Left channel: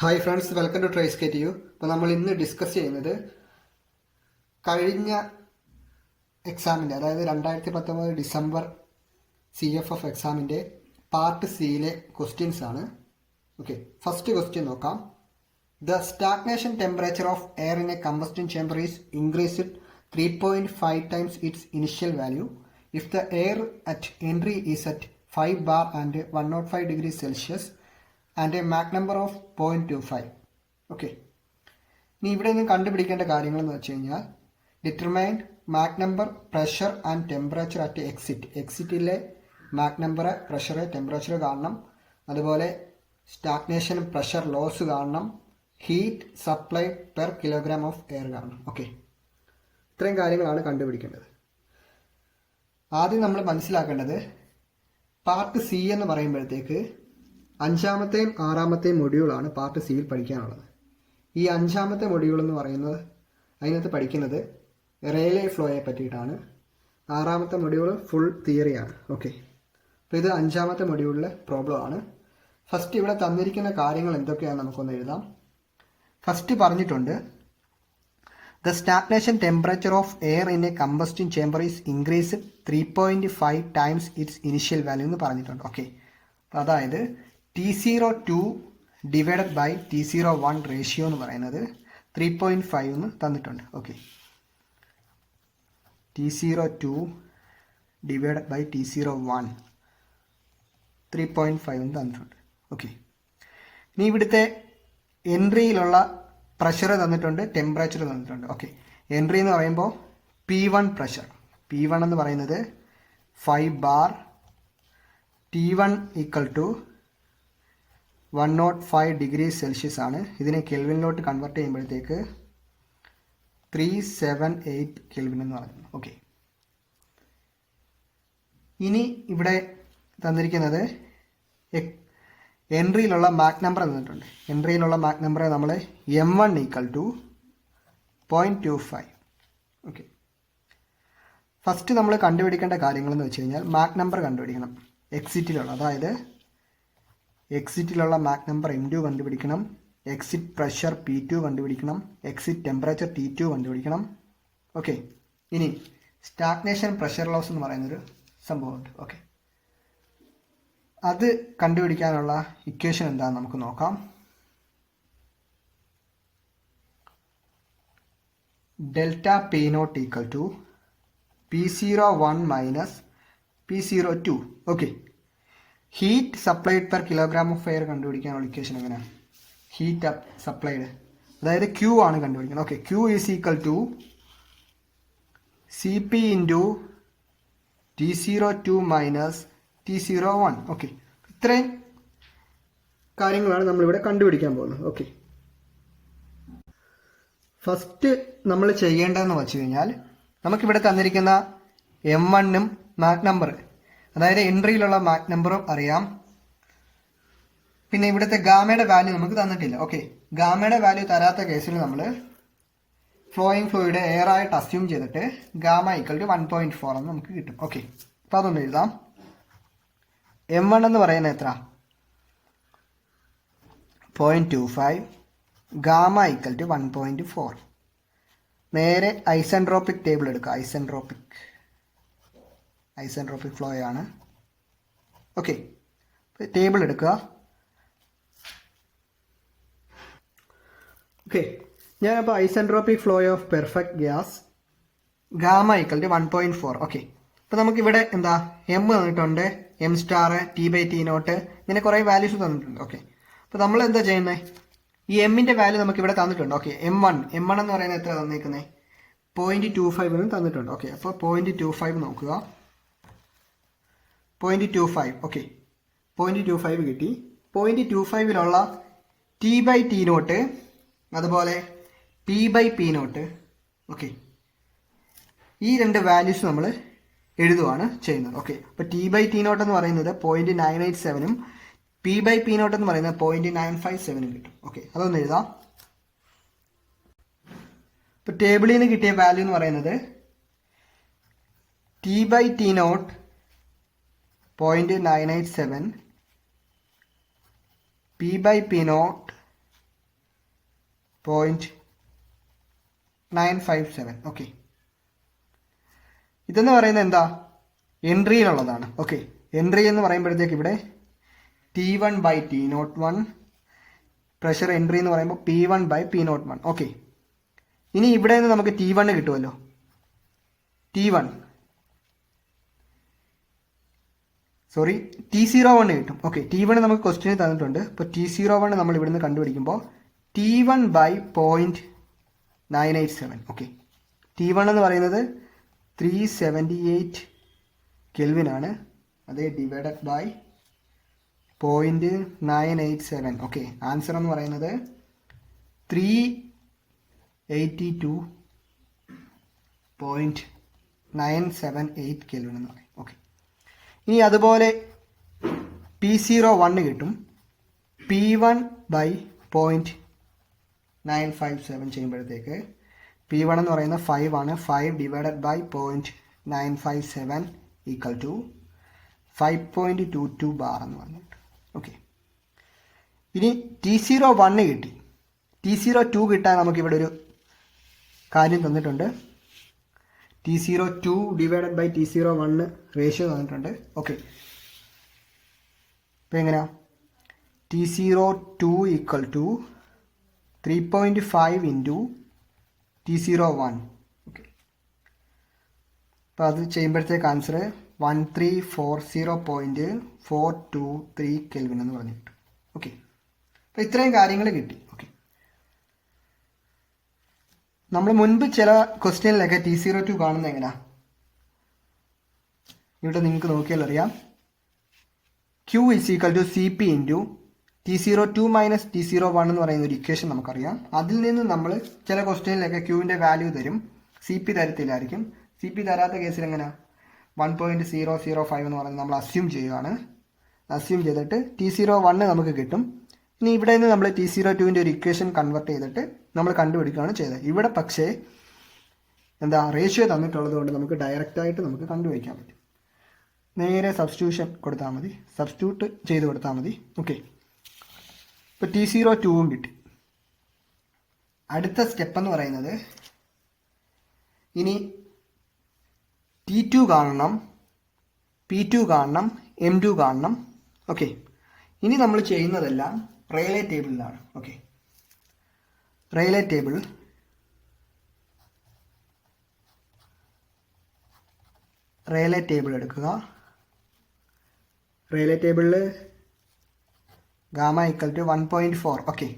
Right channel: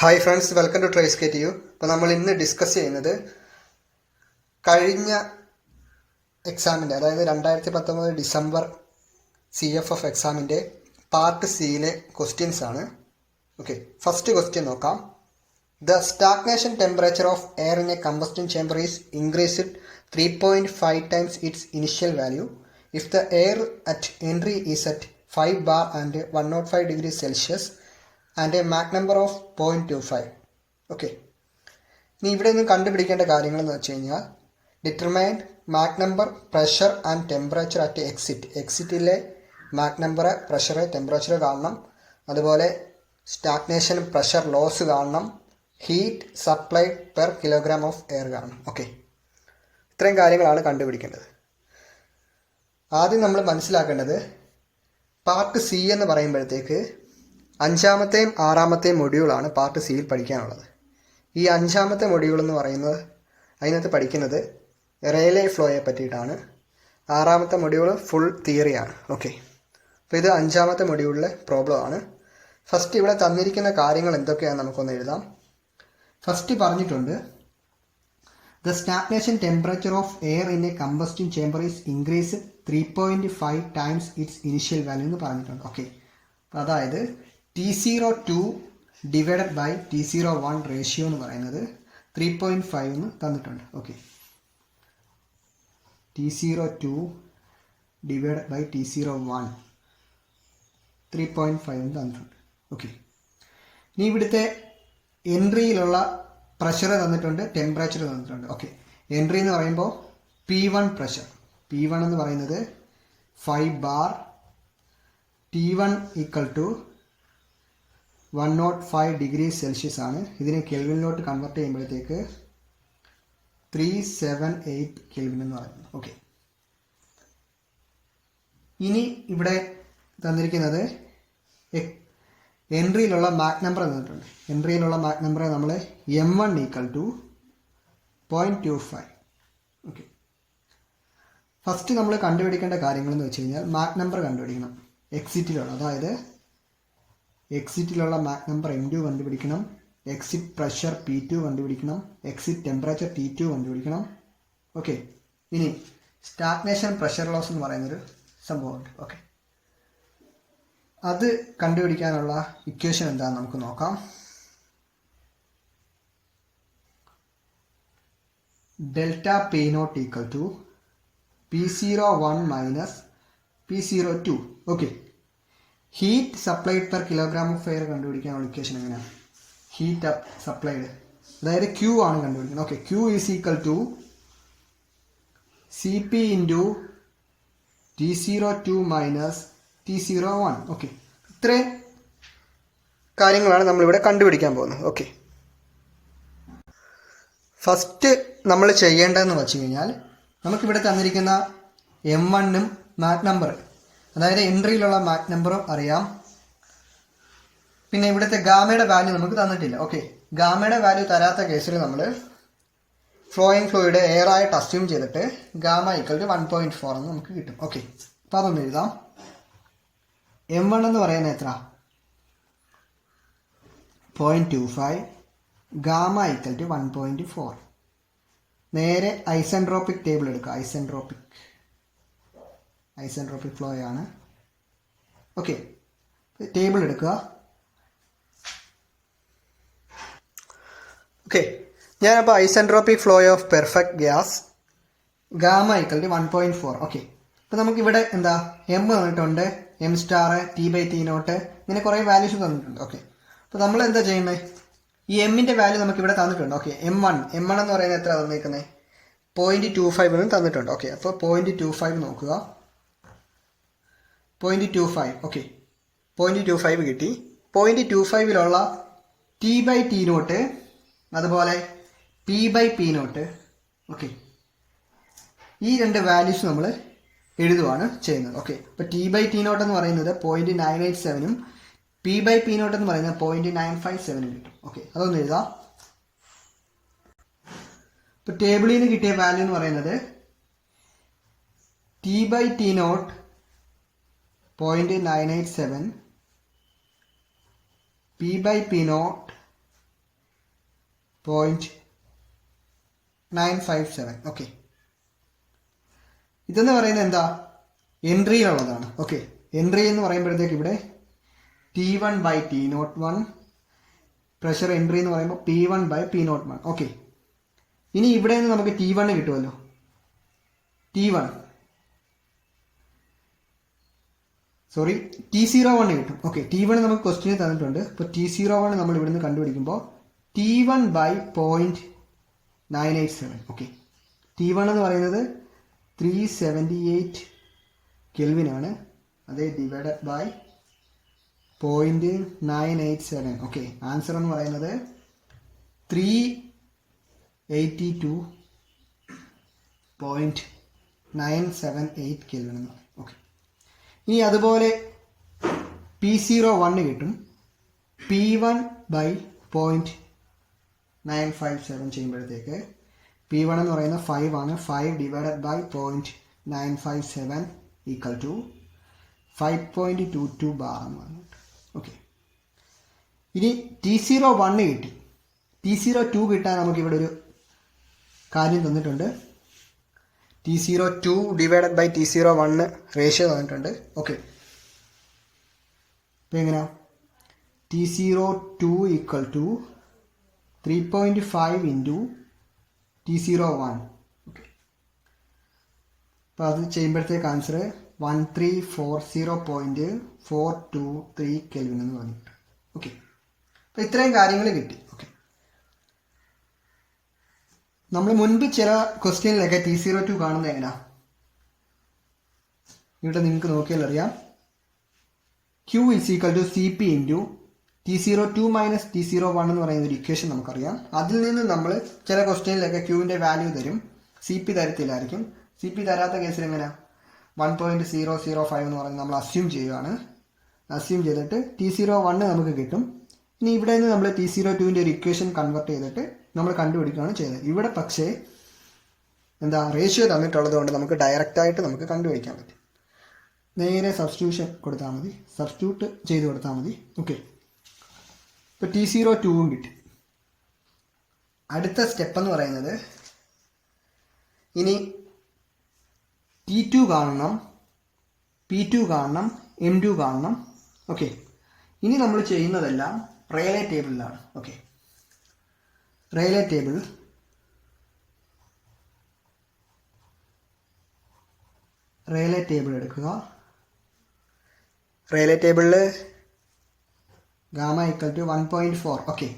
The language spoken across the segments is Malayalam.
Hi friends, welcome to tries K T U. അപ്പോൾ നമ്മൾ ഇന്ന് ഡിസ്കസ് ചെയ്യുന്നത് കഴിഞ്ഞ എക്സാമിൻ്റെ, അതായത് 2019 ഡിസംബർ CFF എക്സാമിൻ്റെ പാർട്ട് സിയിലെ ക്വസ്റ്റ്യൻസ് ആണ്. ഓക്കെ, ഫസ്റ്റ് ക്വസ്റ്റ്യൻ നോക്കാം. The stagnation temperature of air in a combustion chamber is increased 3.5 times its initial value if the air at entry is at 5 bar and 105 degrees Celsius and a Mach number of 0.25. Okay, ഇനി ഇവിടെ നിന്ന് കണ്ടുപിടിക്കേണ്ട കാര്യങ്ങളെന്ന് വെച്ച് കഴിഞ്ഞാൽ determine Mach number, pressure and temperature at എക്സിറ്റിലെ മാക് നമ്പർ, പ്രഷർ, ടെമ്പറേച്ചർ കാണണം. അതുപോലെ സ്റ്റാഗ്നേഷൻ, പ്രഷർ ലോസ് കാണണം. Heat supplied per kilogram of air കാണണം. ഓക്കെ, ഇത്രയും കാര്യങ്ങളാണ് കണ്ടുപിടിക്കേണ്ടത്. ആദ്യം നമ്മൾ മനസ്സിലാക്കേണ്ടത് പാർട്ട് സി എന്ന് പറയുമ്പോഴത്തേക്ക് 5ാമത്തെയും 6ാമത്തെയും മൊഡ്യൂളാണ് പാർട്ട് സിയിൽ പഠിക്കാനുള്ളത്. ഈ 5ാമത്തെ മൊഡ്യൂൾ എന്ന് പറയുന്നത്, അതിനകത്ത് പഠിക്കുന്നത് റെയിലേ ഫ്ലോയെ പറ്റിയിട്ടാണ്. 6ാമത്തെ മൊഡ്യൂൾ ഫുൾ തിയറിയാണ്. ഓക്കെ, അപ്പോൾ ഇത് 5ാമത്തെ മൊഡ്യൂളിലെ പ്രോബ്ലം ആണ്. ഫസ്റ്റ് ഇവിടെ തന്നിരിക്കുന്ന കാര്യങ്ങൾ എന്തൊക്കെയാണെന്ന് നമുക്കൊന്ന് എഴുതാം. ഫസ്റ്റ് പറഞ്ഞിട്ടുണ്ട്, the stagnation temperature of air in a combustion chamber is increased 3.5 times its initial value എന്ന് പറഞ്ഞിട്ടുണ്ട്. ഓക്കെ, അതായത് T02 divided by T01 ratio എന്ന് പറയുന്നത് 3.5 എന്ന് തന്നിട്ടുണ്ട്. Okay, T02 divided by T01 3.5 എന്ന് തന്നിട്ടുണ്ട്. ഓക്കെ, ഇനി ഇവിടുത്തെ എൻട്രിയിലുള്ള പ്രഷർ തന്നിട്ടുണ്ട്, ടെമ്പറേച്ചർ തന്നിട്ടുണ്ട്. ഓക്കെ, എൻട്രി എന്ന് പറയുമ്പോൾ P1 പ്രഷർ, P1 എന്ന് പറയുന്നത് 5 bar, T1 equal to 105 degrees Celsius ആണ്. ഇതിനെ കെൽവിനിലോട്ട് കൺവേർട്ട് ചെയ്യുമ്പോഴത്തേക്ക് 378 കെൽവിൻ എന്ന് പറയുന്നത്. ഓക്കെ, ഇനി ഇവിടെ തന്നിരിക്കുന്നത് എൻട്രിയിലുള്ള മാക് നമ്പർ തന്നിട്ടുണ്ട്. എൻട്രിയിലുള്ള മാക് നമ്പർ നമ്മൾ M1 equal to 0.25. Okay, first നമ്മൾ കണ്ടുപിടിക്കേണ്ട കാര്യങ്ങളെന്ന് വെച്ച് കഴിഞ്ഞാൽ മാക് നമ്പർ കണ്ടുപിടിക്കണം. എക്സിറ്റിലുള്ള, അതായത് എക്സിറ്റിലുള്ള മാക് നമ്പർ M2 കണ്ടുപിടിക്കണം. എക്സിറ്റ് പ്രഷർ P2 കണ്ടുപിടിക്കണം. എക്സിറ്റ് ടെമ്പറേച്ചർ T2 കണ്ടുപിടിക്കണം. ഓക്കെ, ഇനി സ്റ്റാഗ്നേഷൻ, പ്രഷർ ലോസ് എന്ന് പറയുന്നൊരു സംഭവമുണ്ട്. ഓക്കെ, അത് കണ്ടുപിടിക്കാനുള്ള ഇക്വേഷൻ എന്താണെന്ന് നമുക്ക് നോക്കാം. Delta P0 equal to P01 minus P02. Okay, heat supplied per kilogram of air കണ്ടുപിടിക്കാനുള്ള ഇക്വേഷൻ എങ്ങനെയാണ്? ഹീറ്റ് സപ്ലൈഡ്, അതായത് Q ആണ് കണ്ടുപിടിക്കുന്നത്. Okay, Q is equal to CP into T02 minus T01. Okay, ഇത്രയും കാര്യങ്ങളാണ് നമ്മളിവിടെ കണ്ടുപിടിക്കാൻ പോകുന്നത്. ഓക്കെ, ഫസ്റ്റ് നമ്മൾ ചെയ്യേണ്ടതെന്ന് വെച്ച് കഴിഞ്ഞാൽ നമുക്കിവിടെ തന്നിരിക്കുന്ന M1-ഉം മാക് നമ്പർ, അതായത് എൻട്രിയിലുള്ള മാക് നമ്പറും അറിയാം. പിന്നെ ഇവിടുത്തെ ഗാമയുടെ വാല്യൂ നമുക്ക് തന്നിട്ടില്ല. ഓക്കെ, ഗാമയുടെ വാല്യൂ തരാത്ത കേസിൽ നമ്മൾ ഫ്ലോയിങ് ഫ്ലൂയിഡ് എയർ ആയിട്ട് അസ്യൂം ചെയ്തിട്ട് ഗാമ ഈക്വൽ ടു 1.4 എന്ന് നമുക്ക് കിട്ടും. ഓക്കെ, അപ്പോൾ അതൊന്ന് എഴുതാം. M1 എന്ന് പറയുന്നത് എത്ര? 0.25, ഗാമ ഈക്വൽ ടു 1.4. നേരെ ഐസെൻട്രോപിക് ടേബിൾ എടുക്കുക. ഐസെൻട്രോപിക് ഫ്ലോ ആണ്. ഓക്കെ, ടേബിൾ എടുക്കുക. ഓക്കെ, ഞാനപ്പോൾ isentropic flow of perfect gas gamma equal to 1.4. Okay, അപ്പോൾ നമുക്കിവിടെ എന്താ M തന്നിട്ടുണ്ട്, M സ്റ്റാർ, T/T0, ഇങ്ങനെ കുറേ വാല്യൂസ് തന്നിട്ടുണ്ട്. ഓക്കെ, അപ്പോൾ നമ്മൾ എന്താ ചെയ്യുന്നത്? ഈ എമ്മിൻ്റെ വാല്യൂ നമുക്കിവിടെ തന്നിട്ടുണ്ട്. ഓക്കെ, M1 എന്ന് പറയുന്നത് എത്ര തന്നേക്കുന്നത്? 0.25 എന്ന് തന്നിട്ടുണ്ട്. ഓക്കെ, അപ്പോൾ 0.25 നോക്കുക. 0.25. ഓക്കെ, 0.25 കിട്ടി. 0.25ലുള്ള T/T0, അതുപോലെ P/P0. ഓക്കെ, ഈ രണ്ട് വാല്യൂസ് നമ്മൾ എഴുതുകയാണ് ചെയ്യുന്നത്. ഓക്കെ, അപ്പോൾ T/T0 എന്ന് പറയുന്നത് 0.987-ഉം P/P0 എന്ന് പറയുന്നത് 0.957-ഉം കിട്ടും. ഓക്കെ, അതൊന്ന് എഴുതാം. ഇപ്പോൾ ടേബിളിൽ നിന്ന് കിട്ടിയ വാല്യൂ എന്ന് പറയുന്നത് T/T0 0.987, P/P0 0.957. ഓക്കെ, ഇതെന്ന് പറയുന്നത് എന്താ, എൻട്രിയിലുള്ളതാണ്. ഓക്കെ, എൻട്രി എന്ന് പറയുമ്പോഴത്തേക്ക് ഇവിടെ T1/T01, പ്രഷർ എൻട്രി എന്ന് പറയുമ്പോൾ P1/P01. ഓക്കെ, ഇനി ഇവിടെ നിന്ന് നമുക്ക് T1 കിട്ടുമല്ലോ. T01 കിട്ടും. ഓക്കെ, T1 നമുക്ക് ക്വസ്റ്റ്യനിൽ തന്നിട്ടുണ്ട്. അപ്പോൾ T01 നമ്മൾ ഇവിടുന്ന് കണ്ടുപിടിക്കുമ്പോൾ T1/0.987. ഓക്കെ, T1 എന്ന് പറയുന്നത് 378 കെൽവിൻ ആണ്. അത് ഡിവൈഡഡ് ബൈ 0.987. ഓക്കെ, ആൻസർ എന്ന് പറയുന്നത് 382.978 കെൽവിൻ എന്ന് പറയും. ഓക്കെ, ഇനി അതുപോലെ P01 കിട്ടും. P1/0.957 ചെയ്യുമ്പോഴത്തേക്ക് P1 എന്ന് പറയുന്ന 5 ആണ്. 5 divided by 0.957 equal to 5.22 bar എന്ന് പറഞ്ഞിട്ട്. ഓക്കെ, ഇനി T01 കിട്ടി. T02 കിട്ടാൻ നമുക്കിവിടെ ഒരു കാര്യം തന്നിട്ടുണ്ട്. T02 divided by T01 ratio തന്നിട്ടുണ്ട്. ഓക്കെ, അപ്പോൾ എങ്ങനെയാ, T02 equal to 3.5 into T01. Okay, അപ്പോൾ അത് ചെയ്യുമ്പോഴത്തേക്ക് ആൻസർ 1340.423 കെൽവിൻ എന്ന് പറഞ്ഞിട്ട്. ഓക്കെ, അപ്പോൾ ഇത്രയും കാര്യങ്ങൾ കിട്ടി. ഓക്കെ, നമ്മൾ മുൻപ് ചില ക്വസ്റ്റ്യനിലൊക്കെ T02 കാണുന്നത് എങ്ങനെയാ, ഇവിടെ നിങ്ങൾക്ക് നോക്കിയാൽ അറിയാം. Q is equal to CP into T02 minus T01 എന്ന് പറയുന്ന ഒരു ഇക്വേഷൻ നമുക്കറിയാം. അതിൽ നിന്ന് നമ്മൾ ചില ക്വസ്റ്റ്യനിലൊക്കെ Qവിൻ്റെ വാല്യൂ തരും, CP തരത്തില്ലായിരിക്കും. CP തരാത്ത കേസിൽ എങ്ങനെയാണ് 1.005 എന്ന് പറയുന്നത് നമ്മൾ അസ്യൂം ചെയ്യുകയാണ്. അസ്യൂം ചെയ്തിട്ട് T01 നമുക്ക് കിട്ടും. ഇനി ഇവിടെ നിന്ന് നമ്മൾ T02ൻ്റെ ഒരു ഇക്വേഷൻ കൺവേർട്ട് ചെയ്തിട്ട് നമ്മൾ കണ്ടുപിടിക്കുകയാണ് ചെയ്തത്. ഇവിടെ പക്ഷേ എന്താ, റേഷ്യോ തന്നിട്ടുള്ളത് കൊണ്ട് നമുക്ക് ഡയറക്റ്റായിട്ട് നമുക്ക് കണ്ടുപിടിക്കാൻ പറ്റും. നേരെ സബ്സ്റ്റിറ്റ്യൂഷൻ കൊടുത്താൽ മതി, സബ്സ്റ്റിറ്റ്യൂട്ട് ചെയ്ത് കൊടുത്താൽ മതി. ഓക്കെ, ഇപ്പോൾ T02 കിട്ടി. അടുത്ത സ്റ്റെപ്പ് എന്ന് പറയുന്നത് ഇനി T2 കാണണം, P2 കാണണം, M2 കാണണം. ഓക്കെ, ഇനി നമ്മൾ ചെയ്യുന്നതെല്ലാം റെയിലേ ടേബിളിലാണ്. ഓക്കെ, റെയിലേ ടേബിൾ എടുക്കുക. റെയിലേ ടേബിളിൽ ഗാമ ഈക്വൽ ടു 1.4. ഓക്കെ,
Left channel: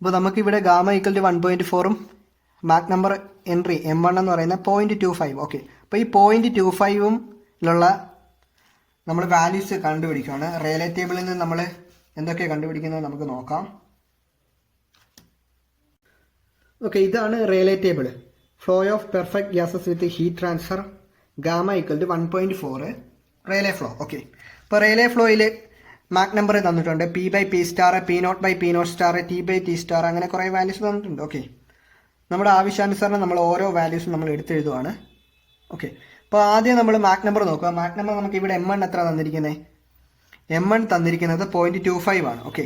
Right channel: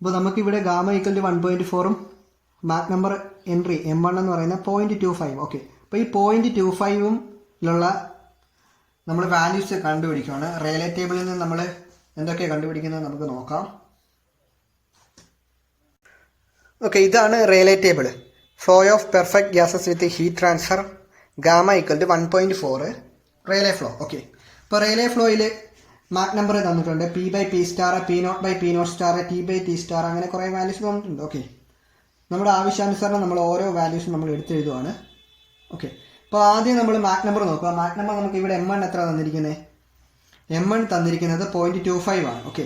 അപ്പോൾ നമുക്കിവിടെ ഗാമ ഈക്വൽ ടു 1.4ഉം മാക് നമ്പർ എൻട്രി M1 എന്ന് പറയുന്ന 0.25. ഓക്കെ, അപ്പോൾ ഈ 0.25ഉം നമ്മൾ വാല്യൂസ് കണ്ടുപിടിക്കുകയാണ്. റെയിലേ ടേബിളിൽ നിന്ന് നമ്മൾ എന്തൊക്കെയാണ് കണ്ടുപിടിക്കുന്നത് നമുക്ക് നോക്കാം. ഓക്കെ, ഇതാണ് Rayleigh table. Flow of perfect gases with heat transfer gamma equal to 1.4 Rayleigh flow. Okay, ഇപ്പോൾ റെയിലേ ഫ്ലോയിൽ മാക് നമ്പർ തന്നിട്ടുണ്ട്. P/P star, P0/P0 star, T/T star, അങ്ങനെ കുറേ വാല്യൂസ് തന്നിട്ടുണ്ട്. ഓക്കെ, നമ്മുടെ ആവശ്യാനുസരണം നമ്മൾ ഓരോ വാല്യൂസും നമ്മൾ എടുത്തെഴുതുവാണ്. ഓക്കെ, അപ്പോൾ ആദ്യം നമ്മൾ മാക് നമ്പർ നോക്കുക. മാക് നമ്പർ നമുക്ക് ഇവിടെ M1 എത്ര തന്നിരിക്കുന്നത്, M1 തന്നിരിക്കുന്നത് 0.25 ആണ്. ഓക്കെ,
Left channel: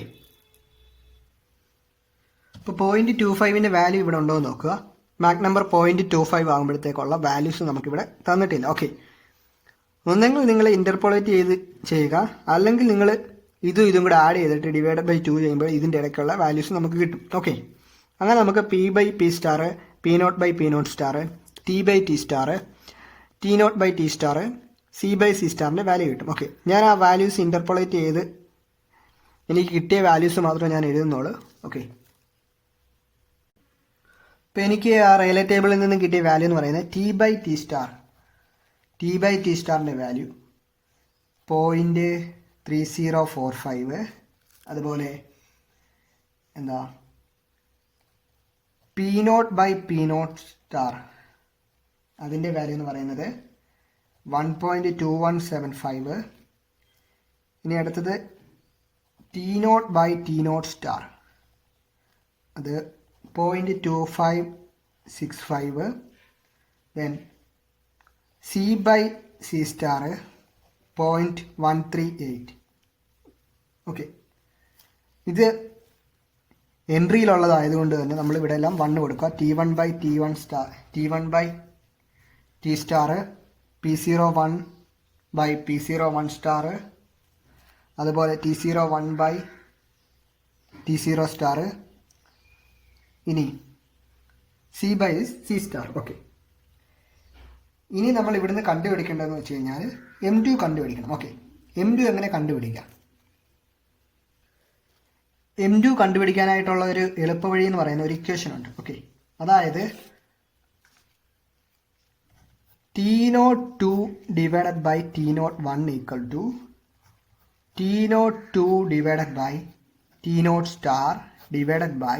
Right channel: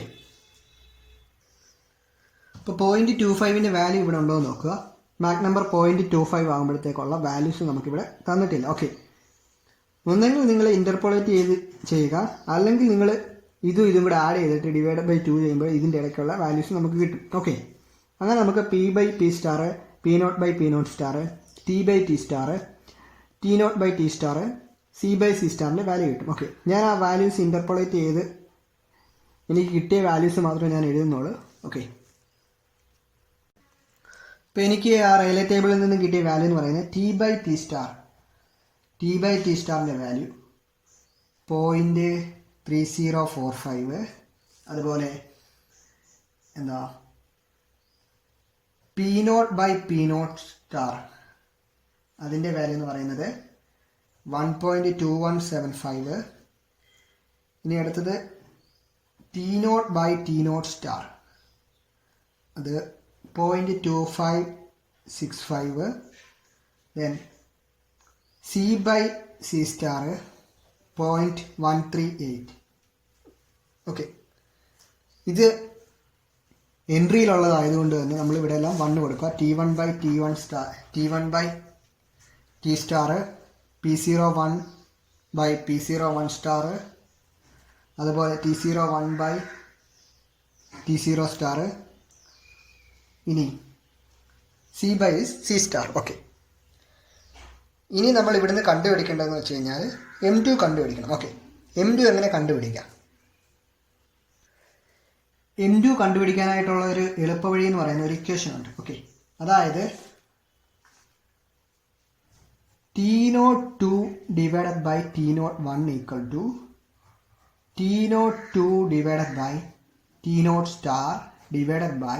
ഇപ്പോൾ 0.25ൻ്റെ വാല്യൂ ഇവിടെ ഉണ്ടോ എന്ന് നോക്കുക. മാക് നമ്പർ 0.25 ആകുമ്പോഴത്തേക്കുള്ള വാല്യൂസ് നമുക്കിവിടെ തന്നിട്ടില്ല. ഓക്കെ, ഒന്നെങ്കിൽ നിങ്ങൾ ഇൻ്റർപോളേറ്റ് ചെയ്യുക, അല്ലെങ്കിൽ നിങ്ങൾ ഇതും കൂടെ ആഡ് ചെയ്തിട്ട് ഡിവൈഡ് ബൈ 2 ചെയ്യുമ്പോൾ ഇതിൻ്റെ ഇടയ്ക്കുള്ള വാല്യൂസ് നമുക്ക് കിട്ടും. ഓക്കെ, അങ്ങനെ നമുക്ക് P/P star, P0/P0 star, T/T star, T0/T star, C/C സ്റ്റാറിൻ്റെ വാല്യൂ കിട്ടും. ഓക്കെ, ഞാൻ ആ വാല്യൂസ് ഇൻ്റർപോളേറ്റ് ചെയ്ത് എനിക്ക് കിട്ടിയ വാല്യൂസ് മാത്രമേ ഞാൻ എഴുതുന്നുള്ളൂ. ഓക്കെ, ഇപ്പോൾ എനിക്ക് ആ റെയിലേ ടേബിളിൽ നിന്ന് കിട്ടിയ വാല്യൂ എന്ന് പറയുന്നത് T/T സ്റ്റാറിൻ്റെ വാല്യൂ 0.3045. അതുപോലെ എന്താ P0/P0 സ്റ്റാർ, അതിൻ്റെ വാല്യൂ എന്ന് പറയുന്നത് 1.2175. ഇനി അടുത്തത് T0/T0 സ്റ്റാർ, അത് 0.2565. Then C/C star 0.138. ഓക്കെ, ഇത് എൻട്രിയിലുള്ളതായതുകൊണ്ട് തന്നെ നമ്മൾ ഇവിടെ എല്ലാം 1 കൊടുക്കുക. T1 by T1 star, T1 by T star, P01 by P01 star, അതുപോലെ T01 ബൈ T0 സ്റ്റാർ, ഇനി C by C star. Okay, ഇനി നമ്മൾ ഇവിടുന്ന് കണ്ടുപിടിക്കേണ്ടതെന്ന് വെച്ച് കഴിഞ്ഞാൽ M2 കണ്ടുപിടിക്കണം. ഓക്കെ, M2 എങ്ങനെ കണ്ടുപിടിക്കാം? M2 കണ്ടുപിടിക്കാനായിട്ടുള്ള ഒരു എളുപ്പവഴി എന്ന് പറയുന്ന ഒരു ഇക്വേഷൻ ഉണ്ട്. ഓക്കെ, അതായത് T02 divided by T01 equal to T02 divided by T0 star divided by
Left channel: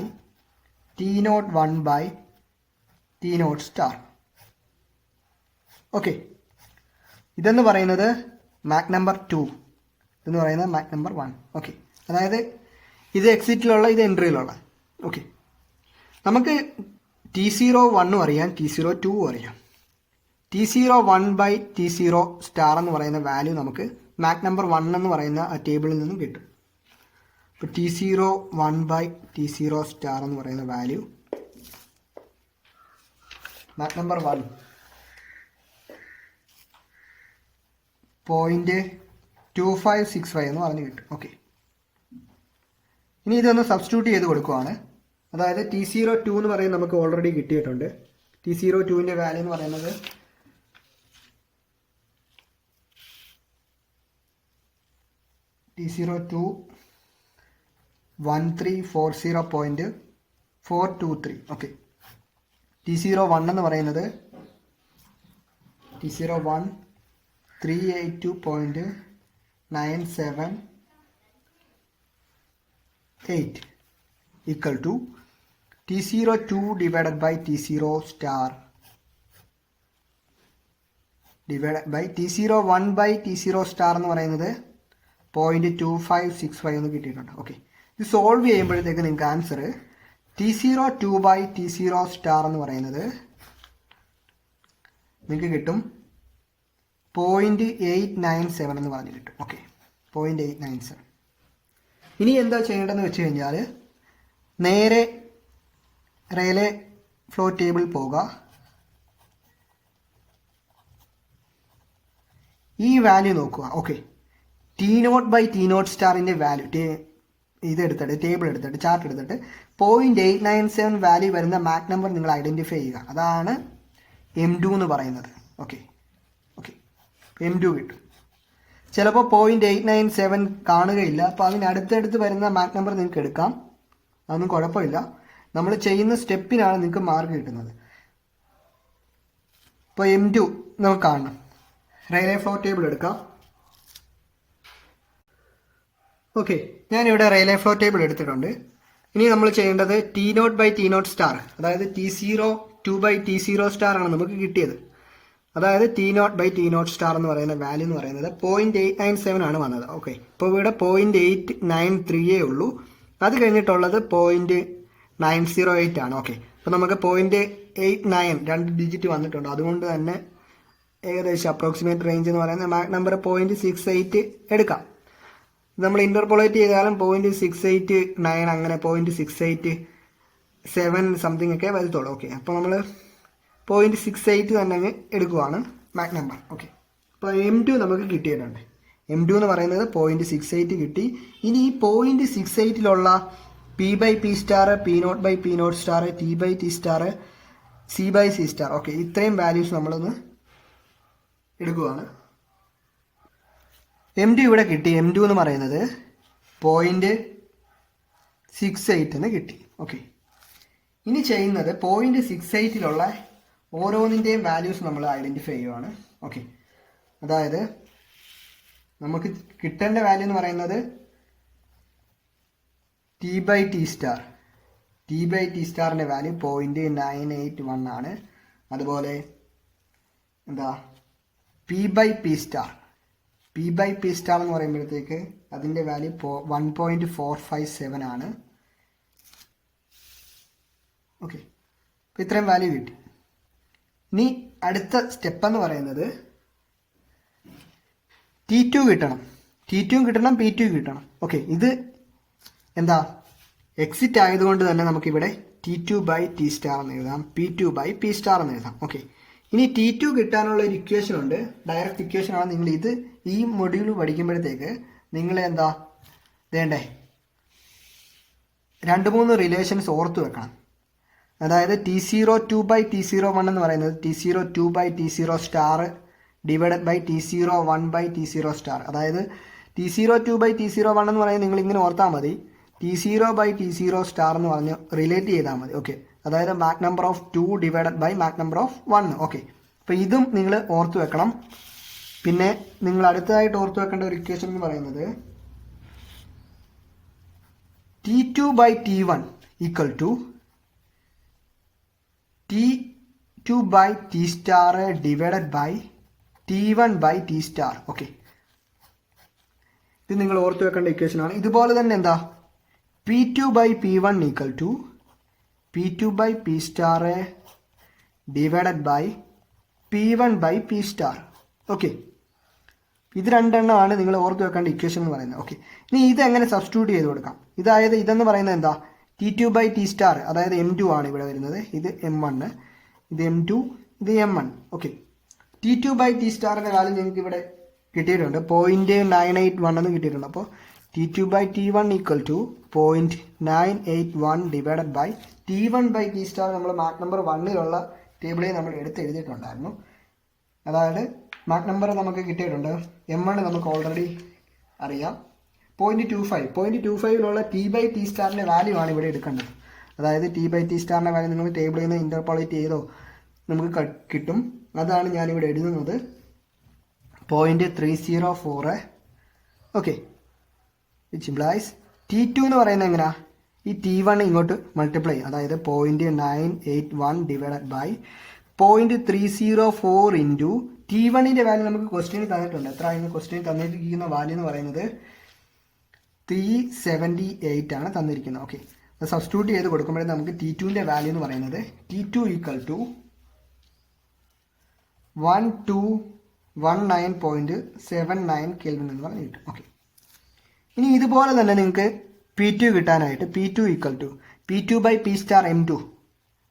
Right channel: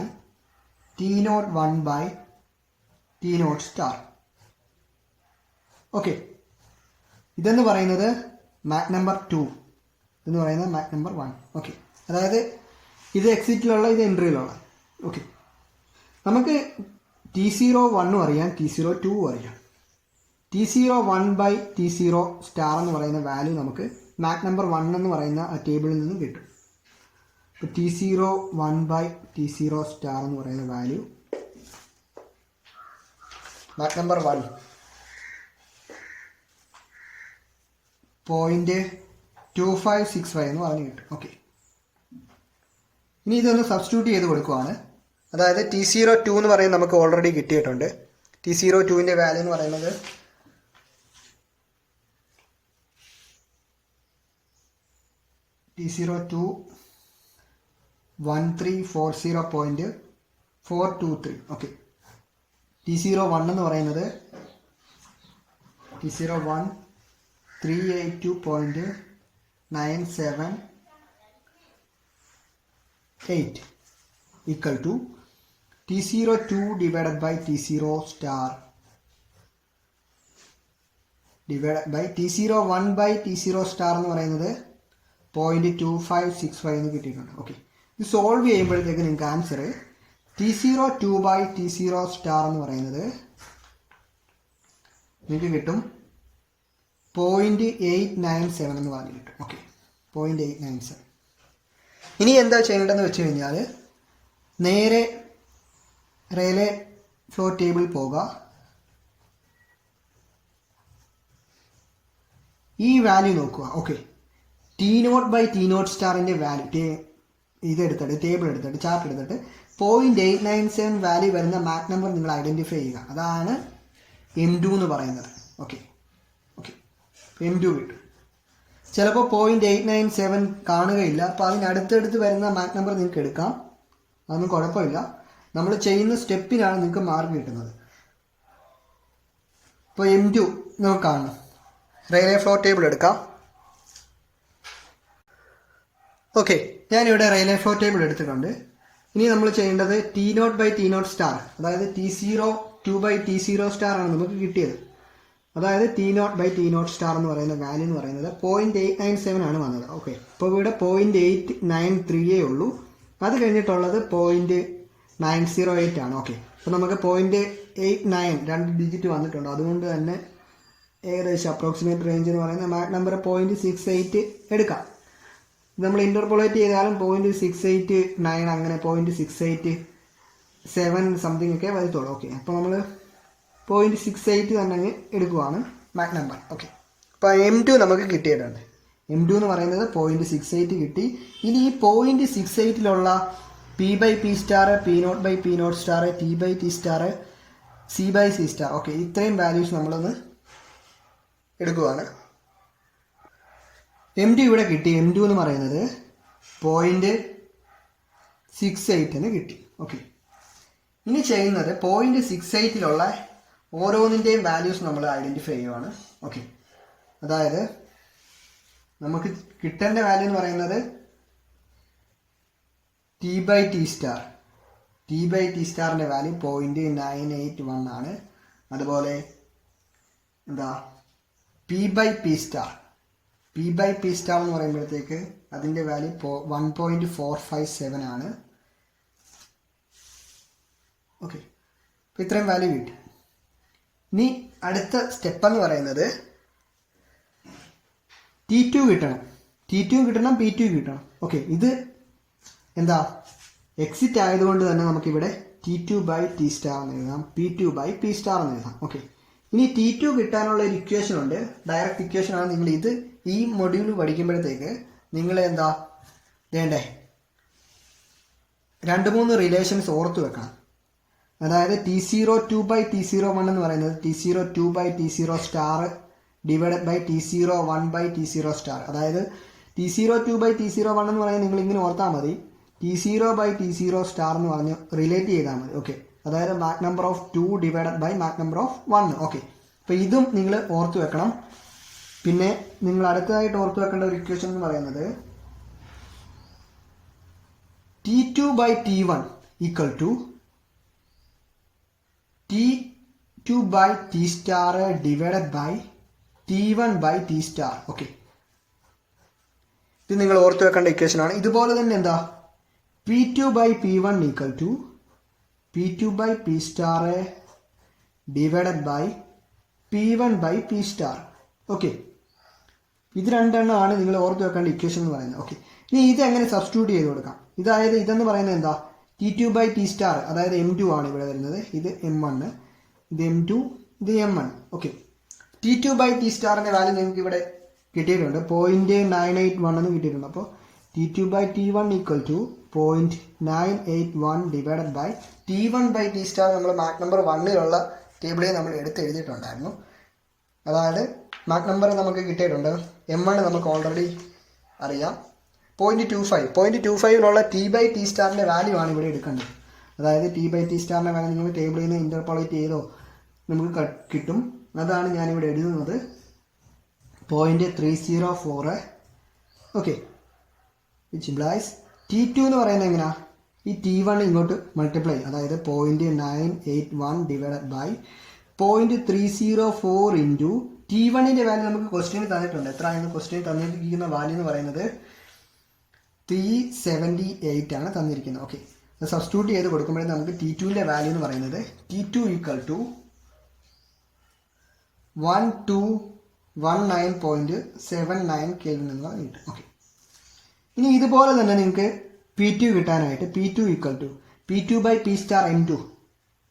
T01 by T0 star. Okay, ഇതെന്ന് പറയുന്നത് മാക് നമ്പർ 2, എന്ന് പറയുന്നത് മാക് നമ്പർ 1. ഓക്കെ, അതായത് ഇത് എക്സിറ്റിലുള്ള, ഇത് എൻട്രിയിലുള്ള. ഓക്കെ, നമുക്ക് T01 അറിയാം, T02 അറിയാം. T01 ബൈ T0 സ്റ്റാർ എന്ന് പറയുന്ന വാല്യൂ നമുക്ക് മാക് നമ്പർ 1 എന്ന് പറയുന്ന ആ ടേബിളിൽ നിന്നും കിട്ടും. ഇപ്പോൾ T01 ബൈ T0 സ്റ്റാർ എന്ന് പറയുന്ന വാല്യൂ മാക് നമ്പർ 1 0.2565 എന്ന് പറഞ്ഞു കിട്ടും. ഓക്കെ, ഇനി ഇതൊന്ന് സബ്സ്റ്റിറ്റ്യൂട്ട് ചെയ്ത് കൊടുക്കുവാണ്. അതായത് T02 എന്ന് പറയുന്നത് നമുക്ക് ഓൾറെഡി കിട്ടിയിട്ടുണ്ട്. T02ൻ്റെ വാല്യൂ എന്ന് പറയുന്നത് T02 1340.423. ഓക്കെ, T01 എന്ന് പറയുന്നത് T01 382.978 equal to T02 divided by T0 star divided by T01 by T0 star എന്ന് പറയുന്നത് 0.2565 എന്ന് കിട്ടിയിട്ടുണ്ട്. ഓക്കെ, ഇത് സോൾവ് ചെയ്യുമ്പോഴത്തേക്ക് നിങ്ങൾക്ക് answer T02 by T0 star എന്ന് പറയുന്നത് നിങ്ങൾക്ക് കിട്ടും 0.897 എന്ന് പറഞ്ഞു കിട്ടും. ഓക്കെ, 0.897. ഇനി എന്താ ചെയ്യേണ്ടതെന്ന് വെച്ച് കഴിഞ്ഞാൽ നേരെ റെയിലേ ഫ്ലോ ടേബിൾ പോകുക. ഈ വാല്യൂ നോക്കുക. ഓക്കെ, T0 ബൈ T0 സ്റ്റാറിൻ്റെ വാല്യൂ ഇതെടുത്തിട്ട് ടേബിൾ എടുത്തിട്ട് ചാർട്ട് എടുത്തിട്ട് 0.897 വാല്യൂ വരുന്ന മാക് നമ്പർ നിങ്ങൾ ഐഡൻറ്റിഫൈ ചെയ്യുക. അതാണ് M2 എന്ന് പറയുന്നത്. ഓക്കെ, M2 കിട്ടും. ചിലപ്പോൾ 0.897 കാണുകയില്ല. അപ്പോൾ അതിനടുത്തടുത്ത് വരുന്ന മാക് നമ്പർ നിങ്ങൾക്ക് എടുക്കാം, അതൊന്നും കുഴപ്പമില്ല. നമ്മൾ ചെയ്യുന്ന സ്റ്റെപ്പിനാണ് നിങ്ങൾക്ക് മാർക്ക് കിട്ടുന്നത്. ഇപ്പോൾ M2 നമുക്ക് കാണണം. റെയിലേ ഫ്ലോ ടേബിൾ എടുക്കാം. ഓക്കെ, ഞാനിവിടെ റെയിലേ ഫ്ലോ ടേബിൾ എടുത്തിട്ടുണ്ട്. ഇനി നമ്മൾ ചെയ്യേണ്ടത് T0 ബൈ T0 സ്റ്റാർ, അതായത് T02 ബൈ T0 സ്റ്റാർ ആണ് നമുക്ക് കിട്ടിയത്. അതായത് T0 ബൈ T0 സ്റ്റാർ എന്ന് പറയുന്ന വാല്യൂ എന്ന് പറയുന്നത് 0.897 ആണ് വന്നത്. ഓക്കെ, ഇപ്പോൾ ഇവിടെ 0.893 ഉള്ളൂ. അത് കഴിഞ്ഞിട്ടുള്ളത് 0.908 ആണ്. ഓക്കെ, അപ്പോൾ നമുക്ക് 0.89 2 ഡിജിറ്റ് വന്നിട്ടുണ്ട്. അതുകൊണ്ട് തന്നെ ഏകദേശം അപ്രോക്സിമേറ്റ് റേഞ്ച് എന്ന് പറയുന്ന മാക് നമ്പർ 0.68 എടുക്കാം. നമ്മൾ ഇൻ്റർപോളേറ്റ് ചെയ്താലും 0.689 അങ്ങനെ 0.687 സംതിങ് ഒക്കെ വരത്തുള്ളൂ. ഓക്കെ, അപ്പോൾ നമ്മൾ 0.68 തന്നെ എടുക്കുവാണ് മാക് നമ്പർ. ഓക്കെ, അപ്പോൾ M2 നമുക്ക് കിട്ടിയിട്ടുണ്ട്. M2 എന്ന് പറയുന്നത് 0.68 കിട്ടി. ഇനി ഈ 0.68 P by P star, P0 by P0 star, T by T star, C by C star. Okay, ഇത്രയും വാല്യൂസ് നമ്മളൊന്ന് എടുക്കുവാണ്. M2 ഇവിടെ കിട്ടി. M2 എന്ന് പറയുന്നത് 0.68 കിട്ടി. ഓക്കെ, ഇനി ചെയ്യുന്നത് 0.68 ഓരോന്നിൻ്റെയും വാല്യൂസ് നമ്മൾ ഐഡൻറ്റിഫൈ ചെയ്യുവാണ്. ഓക്കെ, അതായത് നമുക്ക് കിട്ടേണ്ട വാല്യൂ എന്ന് പറയുന്നത് T by T star. T by T സ്റ്റാറിൻ്റെ വാല്യൂ 0.981 ആണ്. അതുപോലെ എന്താ P by P star. P by P star എന്ന് പറയുമ്പോഴത്തേക്ക് അതിൻ്റെ വാല്യൂ 1.457 ആണ്. ഓക്കെ, അപ്പോൾ ഇത്രയും വാല്യൂ കിട്ടി. ഇനി അടുത്ത സ്റ്റെപ്പ് എന്ന് പറയുന്നത് T2 കിട്ടണം. T2 കിട്ടണം, P2 കിട്ടണം. ഓക്കെ, ഇത് എന്താ എക്സിറ്റ് ആയതുകൊണ്ട് തന്നെ നമുക്കിവിടെ T2/T സ്റ്റാർ എന്ന് എഴുതാം, P2/P സ്റ്റാർ എന്ന് എഴുതാം. ഓക്കെ, ഇനി T2 കിട്ടാനുള്ള ഒരു ഇക്വേഷൻ ഉണ്ട്, ഡയറക്റ്റ് ഇക്വേഷൻ ആണ്. നിങ്ങൾ ഇത് ഈ മൊഡ്യൂൾ പഠിക്കുമ്പോഴത്തേക്ക് നിങ്ങൾ എന്താ വേണ്ടേ 2-3 റിലേഷൻസ് ഓർത്ത് വെക്കണം. അതായത് T02/T01 എന്ന് പറയുന്നത് T02/T0 star divided by T01/T0 star. അതായത് T02/T01 എന്ന് പറയുന്നത് നിങ്ങൾ ഇങ്ങനെ ഓർത്താൽ മതി, T0/T0 സ്റ്റാർ എന്ന് പറഞ്ഞ് റിലേറ്റ് ചെയ്താൽ മതി. ഓക്കെ, അതായത് Mach number of 2 divided by Mach number of 1. Okay, അപ്പോൾ ഇതും നിങ്ങൾ ഓർത്ത് വെക്കണം. പിന്നെ നിങ്ങൾ അടുത്തതായിട്ട് ഓർത്ത് വെക്കേണ്ട ഒരു ഇക്വേഷൻ എന്ന് പറയുന്നത് T2/T1 equal to T2/T star divided by T1/T star. Okay, ഇത് നിങ്ങൾ ഓർത്ത് വെക്കേണ്ട ഇക്വേഷൻ ആണ്. ഇതുപോലെ തന്നെ എന്താ P2/P1 equal to P2/P star divided by P1/P star. Okay, ഇത് രണ്ടെണ്ണമാണ് നിങ്ങൾ ഓർത്ത് വെക്കേണ്ട ഇക്വേഷൻ എന്ന് പറയുന്നത്. ഓക്കെ, ഇനി ഇതെങ്ങനെ സബ്സ്റ്റിറ്റ്യൂട്ട് ചെയ്ത് കൊടുക്കാം? ഇതെന്ന് പറയുന്നത് എന്താ T2/T സ്റ്റാർ, അതായത് M2 ആണ് ഇവിടെ വരുന്നത്. ഇത് M1, ഇത് M2, ഇത് M1. ഓക്കെ, T2/T സ്റ്റാറിന്റെ വാല്യൂ നിങ്ങൾക്ക് ഇവിടെ കിട്ടിയിട്ടുണ്ട്, 0.981 എന്ന് കിട്ടിയിട്ടുണ്ട്. അപ്പോൾ T2/T1 equal to 0.981 divided by T1/T star. നമ്മൾ മാക് നമ്പർ 1ലുള്ള ടേബിളിൽ നമ്മൾ എഴുതിയിട്ടുണ്ടായിരുന്നു. അതായത് മാക് നമ്പർ നമുക്ക് കിട്ടിയിട്ടുണ്ട്, M1 നമുക്ക് ഓൾറെഡി അറിയാം, 0.25ലുള്ള T/T സ്റ്റാറിൻ്റെ വാല്യൂ ആണ് ഇവിടെ എടുക്കേണ്ടത്. അതായത് T/T സ്റ്റാറിൻ്റെ വാല്യൂ നിങ്ങൾ ടേബിളിൽ നിന്ന് ഇൻ്റർപോളേറ്റ് ചെയ്തോ നമുക്ക് കിട്ടും. അതാണ് ഞാനിവിടെ എഴുതുന്നത്, 0.304. ഓക്കെ, വിച്ച് ഇംപ്ലൈസ് T2 എന്ന് പറയുന്നത് എങ്ങനെയാ, ഈ T1 ഇങ്ങോട്ട് മൾട്ടിപ്ലൈ, അതായത് 0.981 ഡിവൈഡഡ് ബൈ 0.304 ഇൻറ്റു T1ൻ്റെ വാല്യൂ നമുക്ക് ക്വസ്റ്റ്യൻ തന്നിട്ടുണ്ട്. എത്രയാണ് ക്വസ്റ്റ്യൻ തന്നിരിക്കുന്ന വാല്യൂ എന്ന് പറയുന്നത് 378 ആണ് തന്നിരിക്കുന്നത്. ഓക്കെ, അത് സബ്സ്റ്റിറ്റ്യൂട്ട് ചെയ്ത് കൊടുക്കുമ്പോഴേ നമുക്ക് T2ൻ്റെ വാല്യൂ എന്ന് പറയുന്നത് T2 ഈക്വൽ ടു 1219.79 കെൽവിൻ എന്ന് കിട്ടും. ഓക്കെ, ഇനി ഇതുപോലെ തന്നെ നിങ്ങൾക്ക് P2 കിട്ടാനായിട്ട് P2 equal to P2/P star M2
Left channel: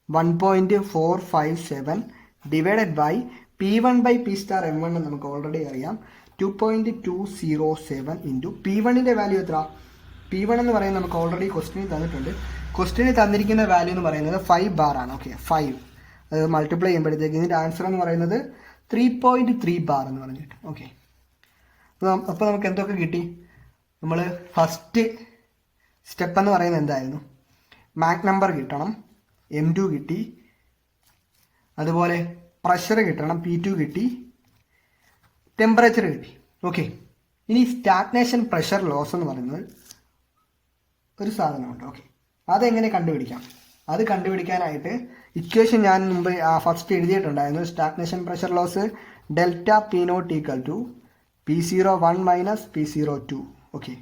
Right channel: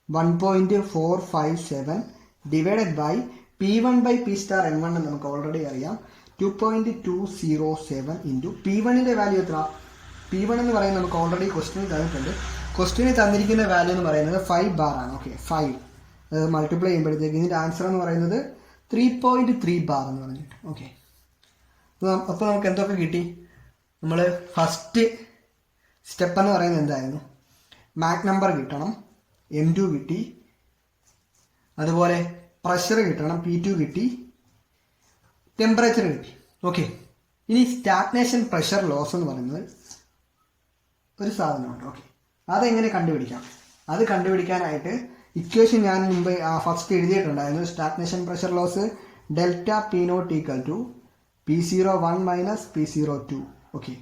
1.457 divided by P1/P star M1 നമുക്ക് ഓൾറെഡി അറിയാം, 2.207 ഇൻറ്റു P1ൻ്റെ വാല്യൂ എത്ര? P1 എന്ന് പറയുന്നത് നമുക്ക് ഓൾറെഡി ക്വസ്റ്റ്യൻ തന്നിട്ടുണ്ട്. ക്വസ്റ്റ്യന് തന്നിരിക്കുന്ന വാല്യൂ എന്ന് പറയുന്നത് 5 ബാർ ആണ്. ഓക്കെ, 5 അത് മൾട്ടിപ്ലൈ ചെയ്യുമ്പോഴത്തേക്ക് ഇതിൻ്റെ ആൻസർ എന്ന് പറയുന്നത് 3.3 ബാർ എന്ന് പറഞ്ഞിട്ട്. ഓക്കെ, അപ്പോൾ നമുക്ക് എന്തൊക്കെ കിട്ടി? നമ്മൾ ഫസ്റ്റ് സ്റ്റെപ്പ് എന്ന് പറയുന്നത് എന്തായിരുന്നു? മാക് നമ്പർ കിട്ടണം, M2 കിട്ടി, അതുപോലെ പ്രഷർ കിട്ടണം, P2 കിട്ടി, ടെമ്പറേച്ചർ കിട്ടി. ഓക്കെ, ഇനി സ്റ്റാഗ്നേഷൻ പ്രഷർ ലോസ് എന്ന് പറയുന്നത് ഒരു സാധനമുണ്ട്. ഓക്കെ, അതെങ്ങനെ കണ്ടുപിടിക്കാം? അത് കണ്ടുപിടിക്കാനായിട്ട് ഇക്വേഷൻ ഞാൻ മുമ്പ് ഫസ്റ്റ് എഴുതിയിട്ടുണ്ടായിരുന്നു. Stagnation pressure loss delta P0 equal to P01 minus P02. Okay,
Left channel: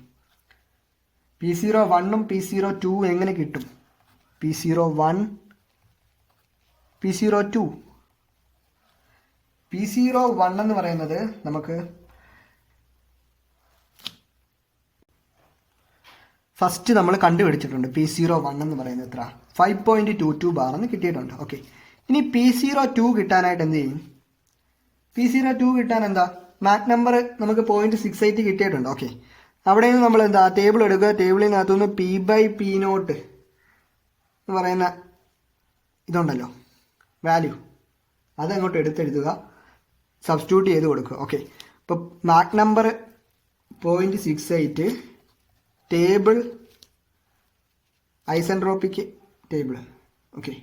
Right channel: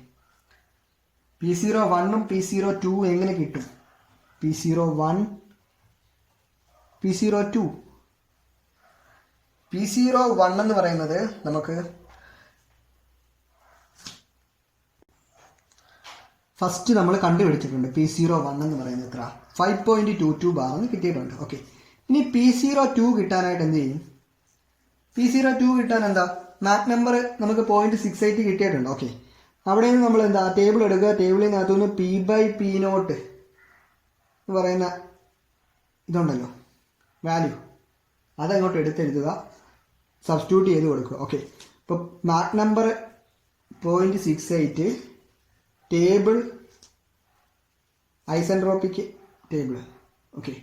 P01ഉം P02 എങ്ങനെ കിട്ടും? P01 P02 P01 എന്ന് പറയുന്നത് നമുക്ക് ഫസ്റ്റ് നമ്മൾ കണ്ടുപിടിച്ചിട്ടുണ്ട്. P01 എന്ന് പറയുന്നത് എത്ര? 5.22 ബാർ എന്ന് കിട്ടിയിട്ടുണ്ട്. ഓക്കെ, ഇനി P02 കിട്ടാനായിട്ട് എന്ത് ചെയ്യും? P02 കിട്ടാൻ എന്താ മാക് നമ്പർ നമുക്ക് 0.68 കിട്ടിയിട്ടുണ്ട്. ഓക്കെ, അവിടെ നിന്ന് നമ്മൾ എന്താ ടേബിൾ എടുക്കുക, ടേബിളിനകത്തുനിന്ന് P/P0 എന്ന് പറയുന്ന ഇതുണ്ടല്ലോ വാല്യൂ, അതങ്ങോട്ട് എടുത്തെഴുതുക, സബ്സ്റ്റിറ്റ്യൂട്ട് ചെയ്ത് കൊടുക്കുക. ഓക്കെ, ഇപ്പോൾ Mach number 0.68 table isentropic table. Okay,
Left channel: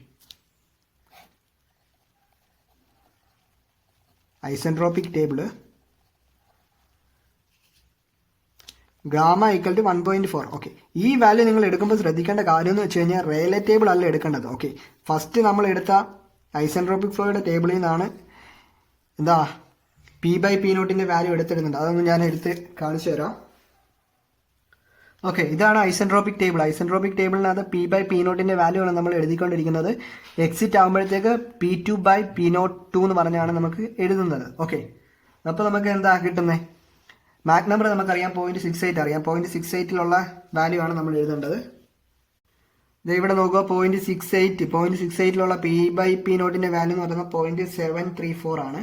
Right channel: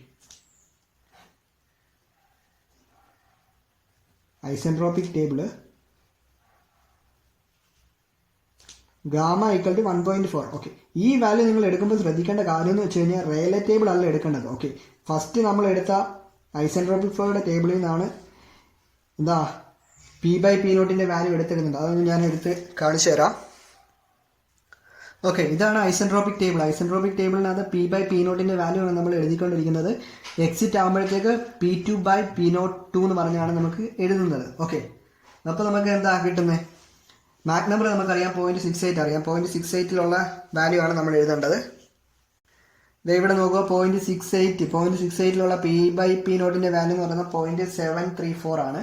isentropic table gamma equal to 1.4. Okay, ഈ വാല്യൂ നിങ്ങൾ എടുക്കുമ്പോൾ ശ്രദ്ധിക്കേണ്ട കാര്യം എന്ന് വെച്ച് കഴിഞ്ഞാൽ റേലേ ടേബിൾ അല്ല എടുക്കേണ്ടത്. ഓക്കെ, ഫസ്റ്റ് നമ്മൾ എടുത്ത ഐസെൻട്രോപ്പിക് ഫ്ലോയുടെ ടേബിളിൽ നിന്നാണ് എന്താ P/P0ൻ്റെ വാല്യൂ എടുത്തിരുന്നത്. അതൊന്ന് ഞാൻ എടുത്ത് കാണിച്ചു തരാം. ഓക്കെ, ഇതാണ് ഐസെൻട്രോപ്പിക് ടേബിൾ. ഐസെൻട്രോപ്പിക് ടേബിളിനകത്ത് P/P0ൻ്റെ വാല്യൂ ആണ് നമ്മൾ എഴുതിക്കൊണ്ടിരിക്കുന്നത്. എക്സിറ്റ് ആകുമ്പോഴത്തേക്ക് P2/P02 എന്ന് പറഞ്ഞാണ് നമുക്ക് എഴുതുന്നത്. ഓക്കെ, അപ്പോൾ നമുക്ക് എന്താ കിട്ടുന്നത്? മാക് നമ്പർ നമുക്കറിയാം 0.68 അറിയാം. 0.68 വാല്യൂ ആണ് നമ്മൾ എഴുതേണ്ടത്. ഇവിടെ നോക്കുക 0.68 P/P0 വാല്യൂ എന്ന് പറയുന്നത് 0.734 ആണ്.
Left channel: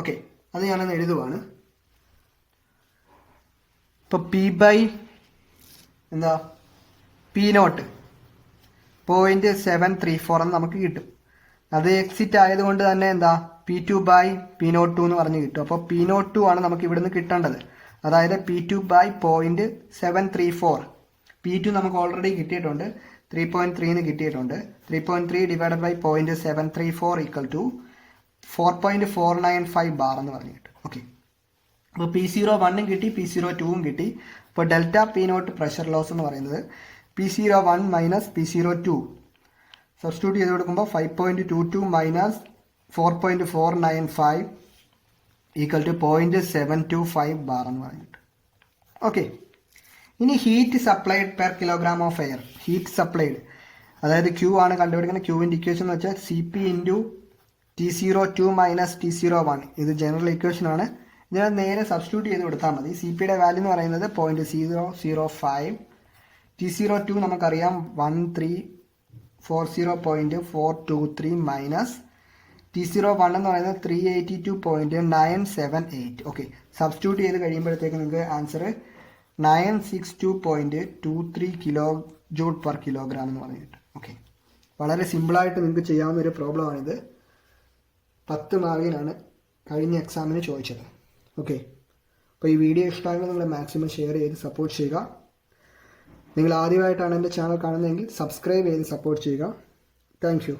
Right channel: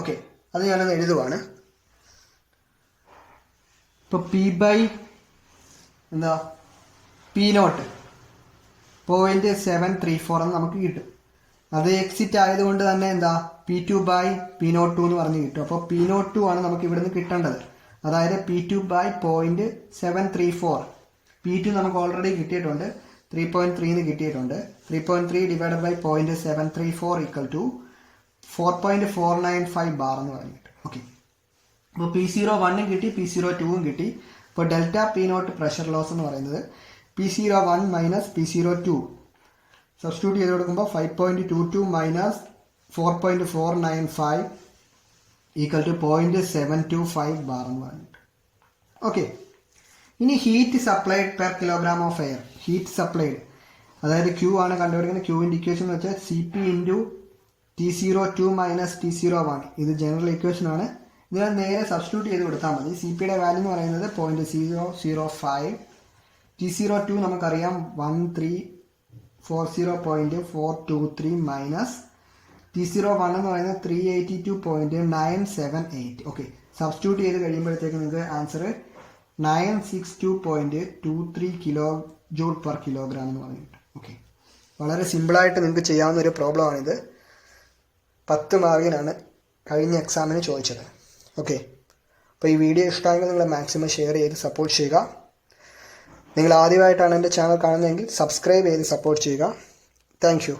ഓക്കെ, അത് ഞാനത് എഴുതുവാണ്. ഇപ്പോൾ P0 0.734 എന്ന് നമുക്ക് കിട്ടും. അത് എക്സിറ്റ് ആയതുകൊണ്ട് തന്നെ P2/P02 എന്ന് പറഞ്ഞ് കിട്ടും. അപ്പോൾ P02 ആണ് നമുക്ക് ഇവിടുന്ന് കിട്ടേണ്ടത്. അതായത് P2/0.734. P2 നമുക്ക് ഓൾറെഡി കിട്ടിയിട്ടുണ്ട്, 3.3 കിട്ടിയിട്ടുണ്ട്. 3.3 divided by 0.734 equal to 4.495 bar എന്ന് പറഞ്ഞു കിട്ടും. ഓക്കെ, അപ്പോൾ P01 കിട്ടി, P02 കിട്ടി. അപ്പോൾ ഡെൽറ്റ P0 പ്രഷർ ലോസ് എന്ന് പറയുന്നത് P01 മൈനസ് P02 സബ്സ്റ്റിറ്റ്യൂട്ട് ചെയ്ത് കൊടുക്കുമ്പോൾ 5.22 മൈനസ് 4.495 ഈക്വൽ ടു 0.725 ബാർ എന്ന് പറഞ്ഞിട്ട്. ഓക്കെ, ഇനി heat supplied per kilogram of air. Heat supplied അതായത് Q ആണ് കണ്ടുപിടിക്കുന്നത്. ക്യൂവിൻ്റെ ഇക്വേഷൻ എന്ന് വെച്ചാൽ CP into T02 minus T01. ഇത് ജനറൽ ഇക്വേഷൻ ആണ്. ഇതിനെ നേരെ സബ്സ്റ്റിറ്റ്യൂട്ട് ചെയ്ത് കൊടുത്താൽ മതി. CPയുടെ വാല്യൂ എന്ന് പറയുന്നത് 0.005. T02 നമുക്കറിയാം 1340.423 മൈനസ് T01 എന്ന് പറയുന്നത് 382.978. ഓക്കെ, സബ്സ്റ്റിറ്റ്യൂട്ട് ചെയ്ത് കഴിയുമ്പോഴത്തേക്ക് നിങ്ങൾക്ക് answer 962.23 kilo joule per kilogram എന്ന് പറഞ്ഞിട്ട്. ഓക്കെ, വളരെ സിമ്പിളായിട്ട് നിങ്ങൾക്ക് ചെയ്യാവുന്ന ഒരു പ്രോബ്ലമാണിത്. 10 മാർക്കിനാണ് കഴിഞ്ഞ എക്സാമിന് ചോദിച്ചത്. ഓക്കെ, അപ്പോൾ ഈ വീഡിയോ ഇഷ്ടമായെങ്കിൽ നിങ്ങൾ മാക്സിമം ഷെയർ ചെയ്ത് സപ്പോർട്ട് ചെയ്യുക. നിങ്ങൾ ആദ്യമായിട്ടാണ് എൻ്റെ ചാനൽ കാണുന്നതെങ്കിൽ സബ്സ്ക്രൈബ് ചെയ്ത് സപ്പോർട്ട് ചെയ്യുക. Thank you.